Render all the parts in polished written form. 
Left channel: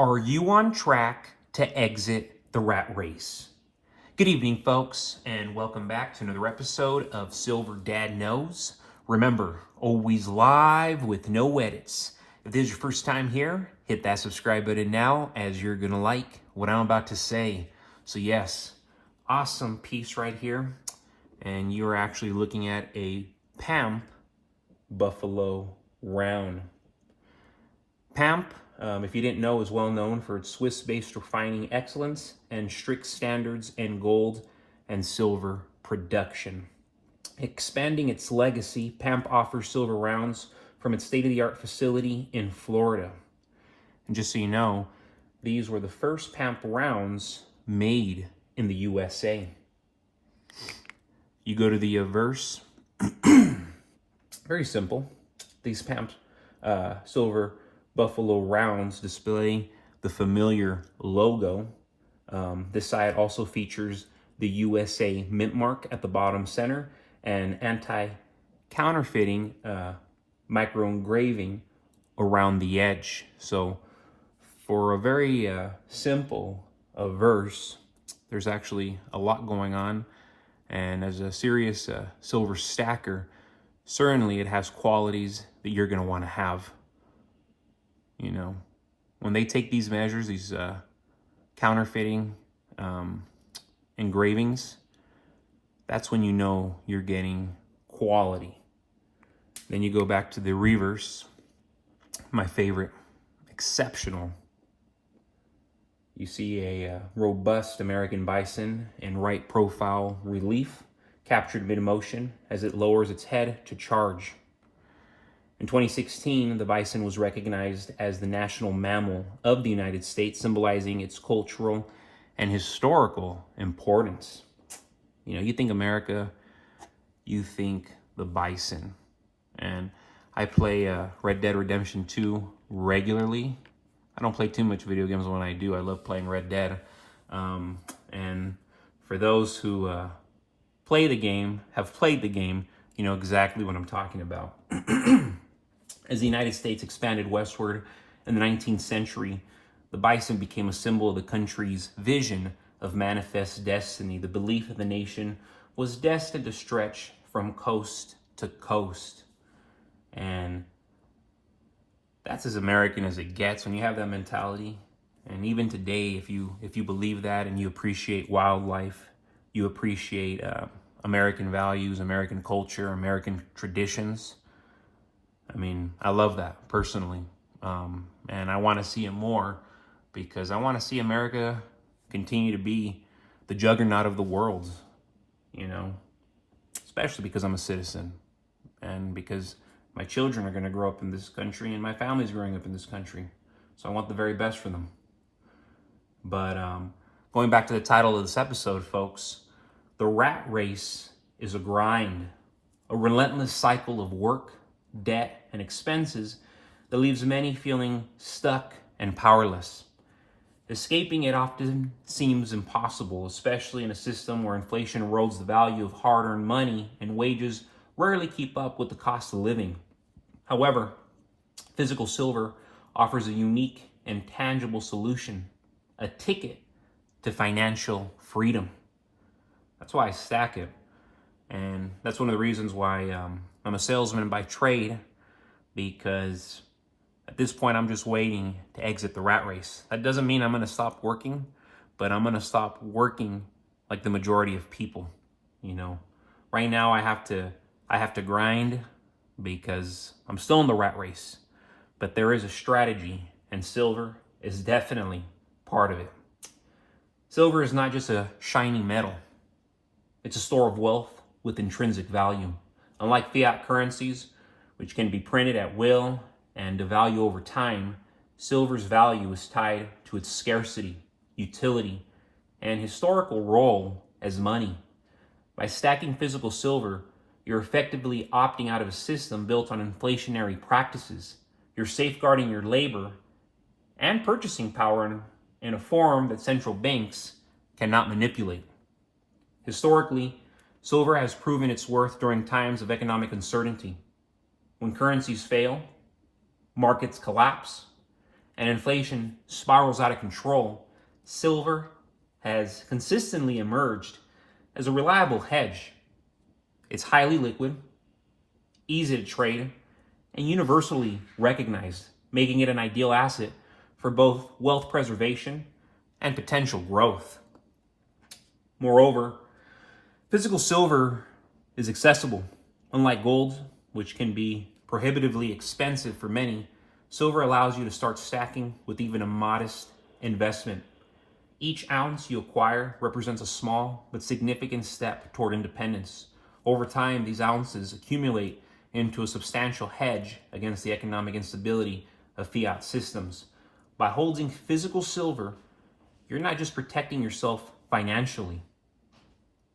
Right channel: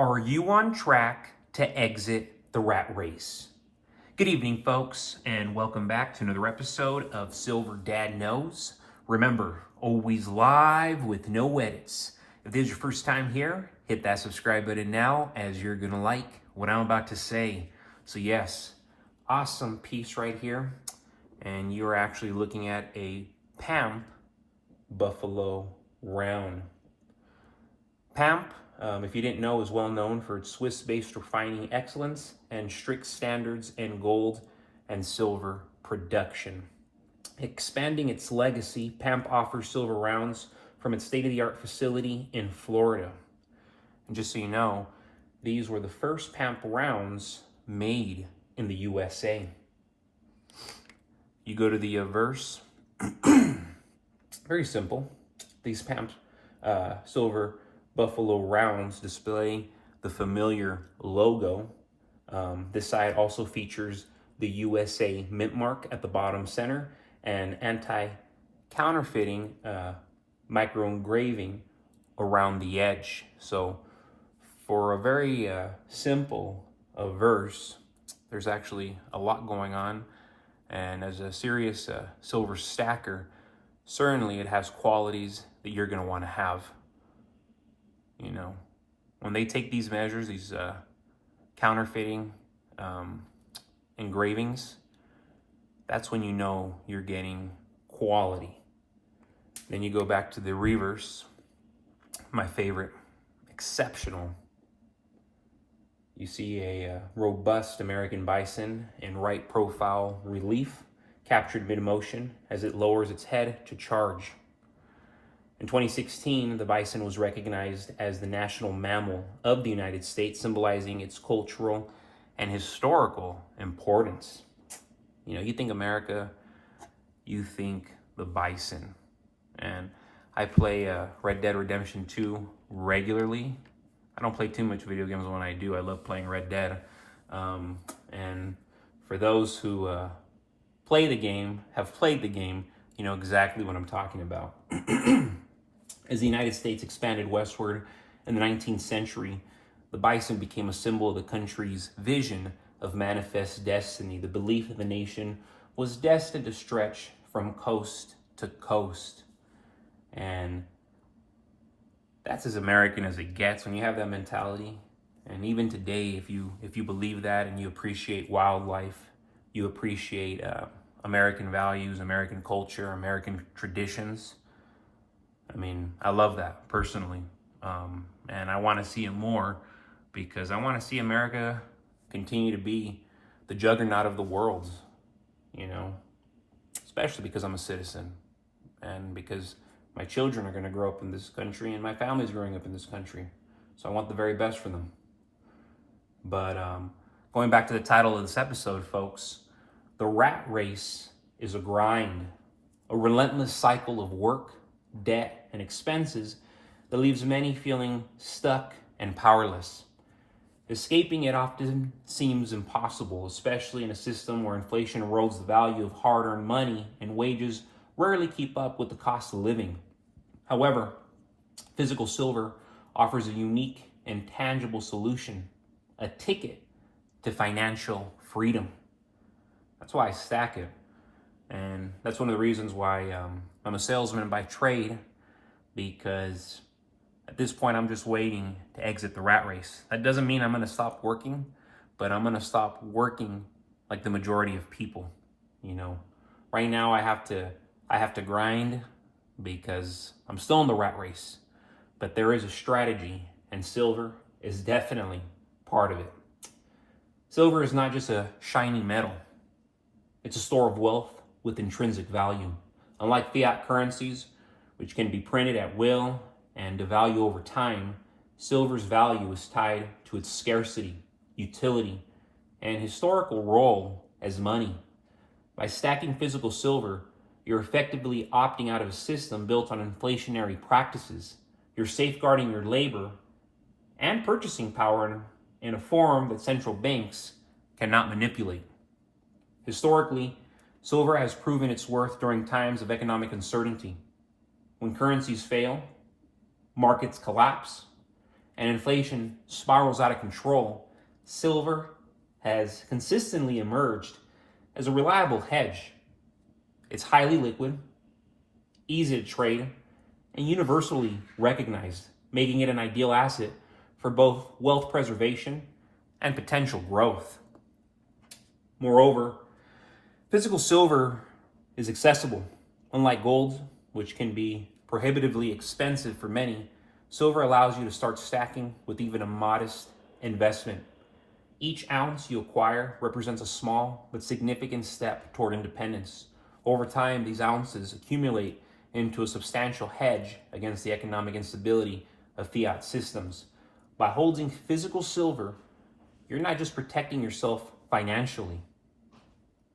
Are you on track to exit the rat race? Good evening, folks, and welcome back to another episode of Silver Dad Knows. Remember, always live with no edits. If this is your first time here, hit that subscribe button now, as you're going to like what I'm about to say. So yes, awesome piece right here. And you're actually looking at a PAMP Buffalo Round. PAMP, if you didn't know, is well known for its Swiss-based refining excellence and strict standards in gold and silver production. Expanding its legacy, PAMP offers silver rounds from its state-of-the-art facility in Florida. And just so you know, these were the first PAMP rounds made in the USA. You go to the verse, very simple. These PAMP silver Buffalo rounds display the familiar logo. This side also features the USA mint mark at the bottom center and anti-counterfeiting micro engraving around the edge. So for a very simple verse, there's actually a lot going on. And as a serious silver stacker, certainly it has qualities that you're going to want to have. You know, when they take these measures, these counterfeiting engravings, that's when you know you're getting quality. Then you go back to the reverse, my favorite, exceptional. You see a robust American bison in right profile relief, captured mid-motion as it lowers its head to charge. In 2016, the bison was recognized as the national mammal of the United States, symbolizing its cultural and historical importance. You know, you think America, you think the bison. And I play Red Dead Redemption 2 regularly. I don't play too much video games. When I do, I love playing Red Dead. And for those who play the game, have played the game, you know exactly what I'm talking about. As the United States expanded westward in the 19th century, the bison became a symbol of the country's vision of manifest destiny. The belief that the nation was destined to stretch from coast to coast. And that's as American as it gets when you have that mentality. And even today, if you believe that and you appreciate wildlife, you appreciate American values, American culture, American traditions. I mean, I love that personally. And I want to see it more because I want to see America continue to be the juggernaut of the world, you know, especially because I'm a citizen and because my children are going to grow up in this country and my family's growing up in this country. So I want the very best for them. But going back to the title of this episode, folks, the rat race is a grind, a relentless cycle of work, debt, and expenses that leaves many feeling stuck and powerless. Escaping it often seems impossible, especially in a system where inflation erodes the value of hard-earned money and wages rarely keep up with the cost of living. However, physical silver offers a unique and tangible solution, a ticket to financial freedom. That's why I stack it. And that's one of the reasons why I'm a salesman by trade, because at this point I'm just waiting to exit the rat race. That doesn't mean I'm going to stop working, but I'm going to stop working like the majority of people. You know, right now I have to grind because I'm still in the rat race, but there is a strategy, and silver is definitely part of it. Silver is not just a shiny metal. It's a store of wealth with intrinsic value. Unlike fiat currencies, which can be printed at will and devalue over time, silver's value is tied to its scarcity, utility, and historical role as money. By stacking physical silver, you're effectively opting out of a system built on inflationary practices. You're safeguarding your labor and purchasing power in a form that central banks cannot manipulate. Historically, silver has proven its worth during times of economic uncertainty. When currencies fail, markets collapse, and inflation spirals out of control, silver has consistently emerged as a reliable hedge. It's highly liquid, easy to trade, and universally recognized, making it an ideal asset for both wealth preservation and potential growth. Moreover, physical silver is accessible. Unlike gold, which can be prohibitively expensive for many, silver allows you to start stacking with even a modest investment. Each ounce you acquire represents a small but significant step toward independence. Over time, these ounces accumulate into a substantial hedge against the economic instability of fiat systems. By holding physical silver, you're not just protecting yourself financially,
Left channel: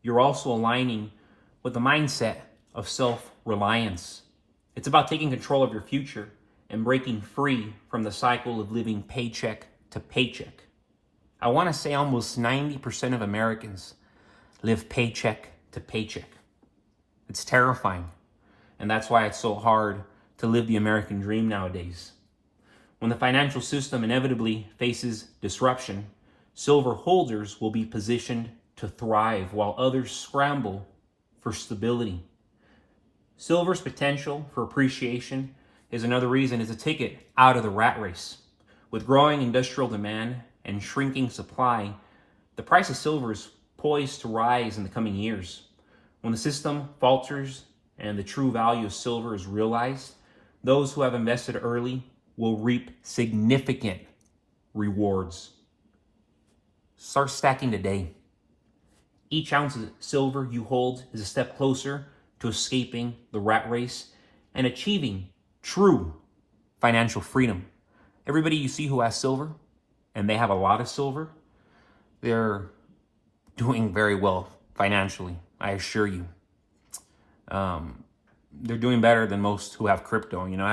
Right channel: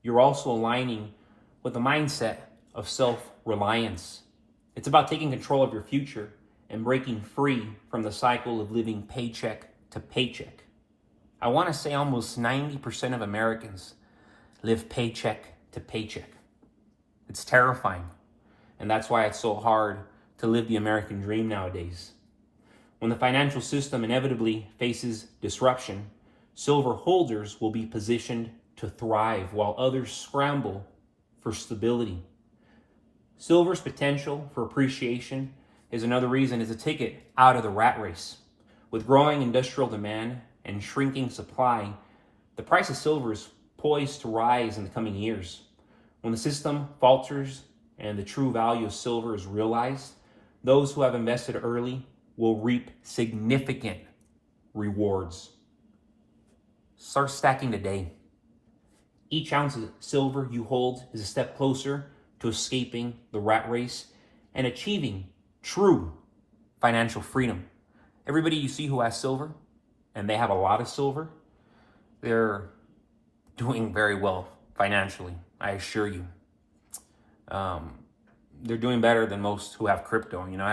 you're also aligning with the mindset of self-reliance. It's about taking control of your future and breaking free from the cycle of living paycheck to paycheck. I want to say almost 90% of Americans live paycheck to paycheck. It's terrifying, and that's why it's so hard to live the American dream nowadays. When the financial system inevitably faces disruption, silver holders will be positioned to thrive while others scramble for stability. Silver's potential for appreciation is another reason it's a ticket out of the rat race. With growing industrial demand and shrinking supply, the price of silver is poised to rise in the coming years. When the system falters and the true value of silver is realized, those who have invested early will reap significant rewards. Start stacking today. Each ounce of silver you hold is a step closer to escaping the rat race and achieving true financial freedom. Everybody you see who has silver, and they have a lot of silver, they're doing very well financially, I assure you. They're doing better than most who have crypto. You know,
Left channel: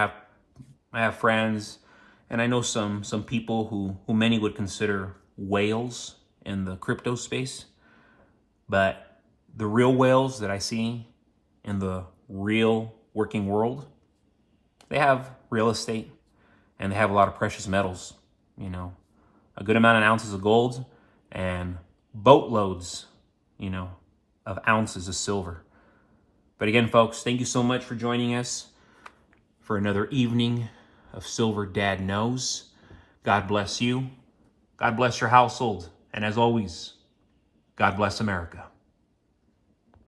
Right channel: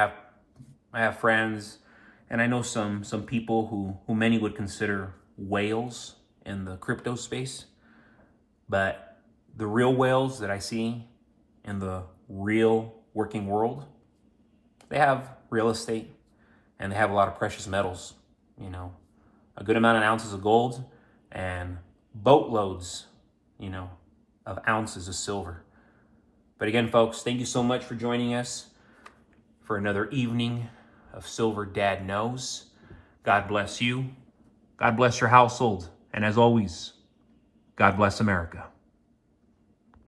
I have friends, and I know some people who many would consider whales in the crypto space. But the real whales that I see in the real working world, they have real estate and they have a lot of precious metals, you know, a good amount of ounces of gold and boatloads, you know, of ounces of silver. But again, folks, thank you so much for joining us for another evening of Silver Dad Knows. God bless you. God bless your household. And as always, God bless America.